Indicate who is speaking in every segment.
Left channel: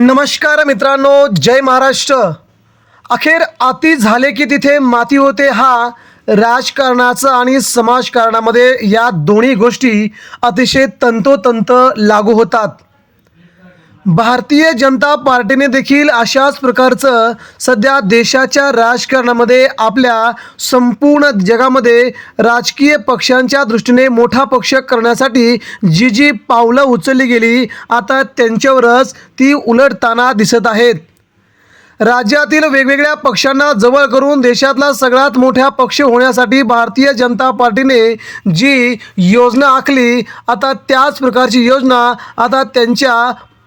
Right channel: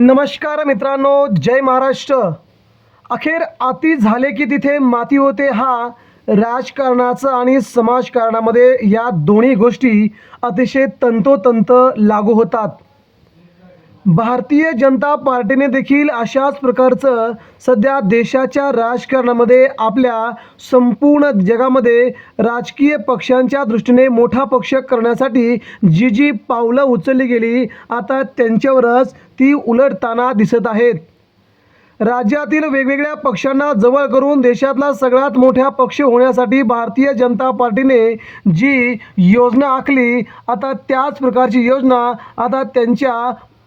Speaker 1: नमस्कार मित्रांनो जय महाराष्ट्र. अखेर अति झाले की तिथे माती होते हा राजकारणाचा आणि समाजकारणामध्ये या दोन्ही गोष्टी अतिशय तंतोतंत लागू होतात. भारतीय जनता पार्टीने देखील अशाच प्रकारचं सध्या देशाच्या राजकारणामध्ये आपल्या संपूर्ण जगामध्ये राजकीय पक्षांच्या दृष्टीने मोठा पक्ष करण्यासाठी जी जी पावलं उचलली गेली आता त्यांच्यावरच ती उलटताना दिसत आहेत. राज्यातील वेगवेगळ्या पक्षांना जवळ करून देशातला सगळ्यात मोठा पक्ष होण्यासाठी भारतीय जनता पार्टीने जी योजना आखली आता त्याच प्रकारची योजना आता त्यांच्या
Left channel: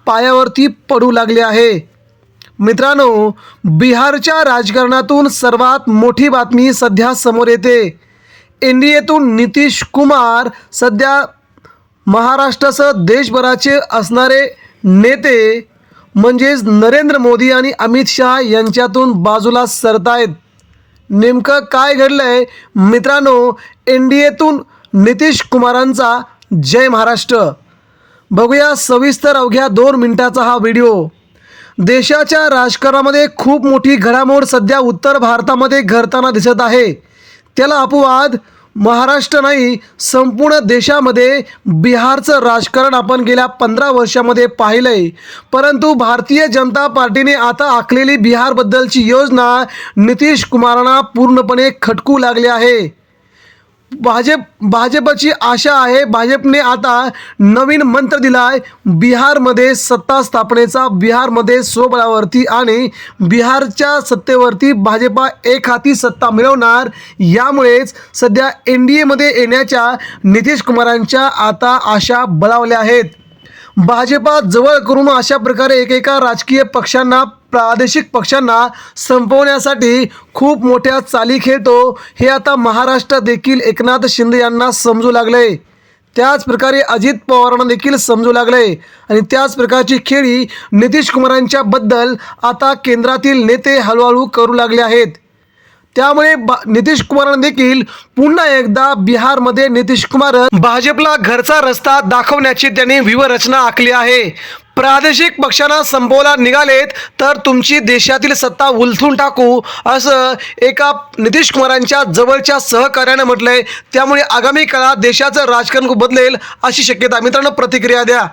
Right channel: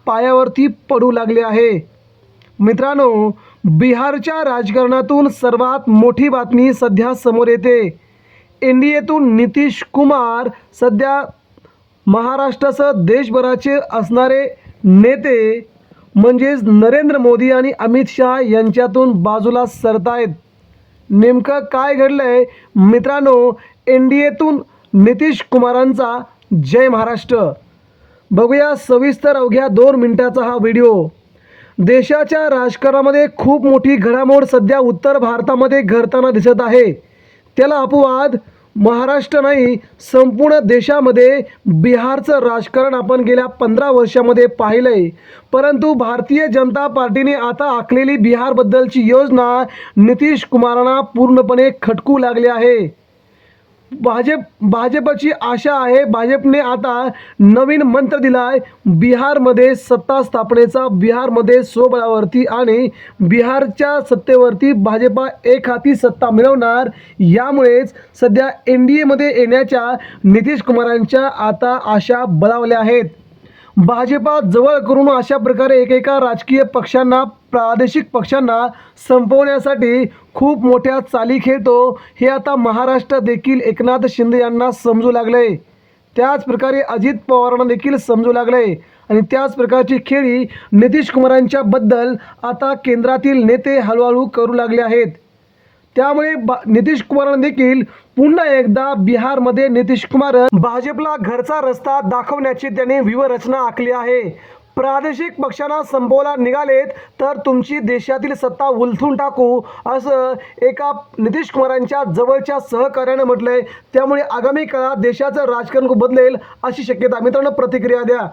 Speaker 1: पायावरती पडू लागले आहे. मित्रांनो बिहारच्या राजकारणातून सर्वात मोठी बातमी सध्या समोर येते. एन डी एतून नितीश कुमार सध्या महाराष्ट्रासह देशभराचे असणारे नेते म्हणजेच नरेंद्र मोदी आणि अमित शहा यांच्यातून बाजूला सरतायत. नेमकं काय घडलं आहे मित्रांनो एन डी एतून नितीश कुमारांचा जय महाराष्ट्र. बघूया सविस्तर अवघ्या दोन मिनिटाचा हा व्हिडिओ. देशाच्या राजकारणामध्ये खूप मोठी घडामोड सध्या उत्तर भारतामध्ये घडताना दिसत आहे. त्याला अपवाद महाराष्ट्र नाही संपूर्ण देशामध्ये बिहारचं राजकारण आपण गेल्या पंधरा वर्षामध्ये पाहिलंय. परंतु भारतीय जनता पार्टीने आता आखलेली बिहारबद्दलची योजना नितीश कुमारांना पूर्णपणे खटकू लागली आहे. भाजप भाजपची आशा आहे. भाजपने आता नवीन मंत्र दिलाय. बिहारमध्ये सत्ता स्थापनेचा बिहारमध्ये स्वबळावरती आणि बिहारच्या सत्तेवरती भाजपा एक हाती सत्ता मिळवणार यामुळेच सध्या एन डी एमध्ये येण्याच्या नितीश कुमारांच्या आता आशा बळावल्या आहेत. भाजपा जवळ करून अशा प्रकारे एकेका राजकीय पक्षांना प्रादेशिक पक्षांना संपवण्यासाठी खूप मोठ्या चाली खेळतो. हे आता महाराष्ट्र देखील एकनाथ शिंदे यांना समजू लागले त्याच प्रकारे अजित पवारांना देखील समजू लागले आणि त्याच प्रकारची खेळी नितीश कुमारांच्या बद्दल आता केंद्रातील नेते हळूहळू करू लागले आहेत. त्यामुळे नितीश कुमारांना देखील पुन्हा एकदा बिहारमध्ये नितीश कुमार भाजपला घरचा रस्ता दाखवण्याची त्यांनी व्यूहरचना आखली आहे. प्रादेशिक पक्षांना संपवला निघालेत तर तुमची देशातील सत्ता उलथून टाकू असं एका नितीश कुमारांच्या जवळच्या सहकार्यानं म्हटलंय. त्यामुळे आगामी काळात देशाचं राजकारण बदलेल अशी शक्यता मित्रांनो प्रतिक्रिया द्या.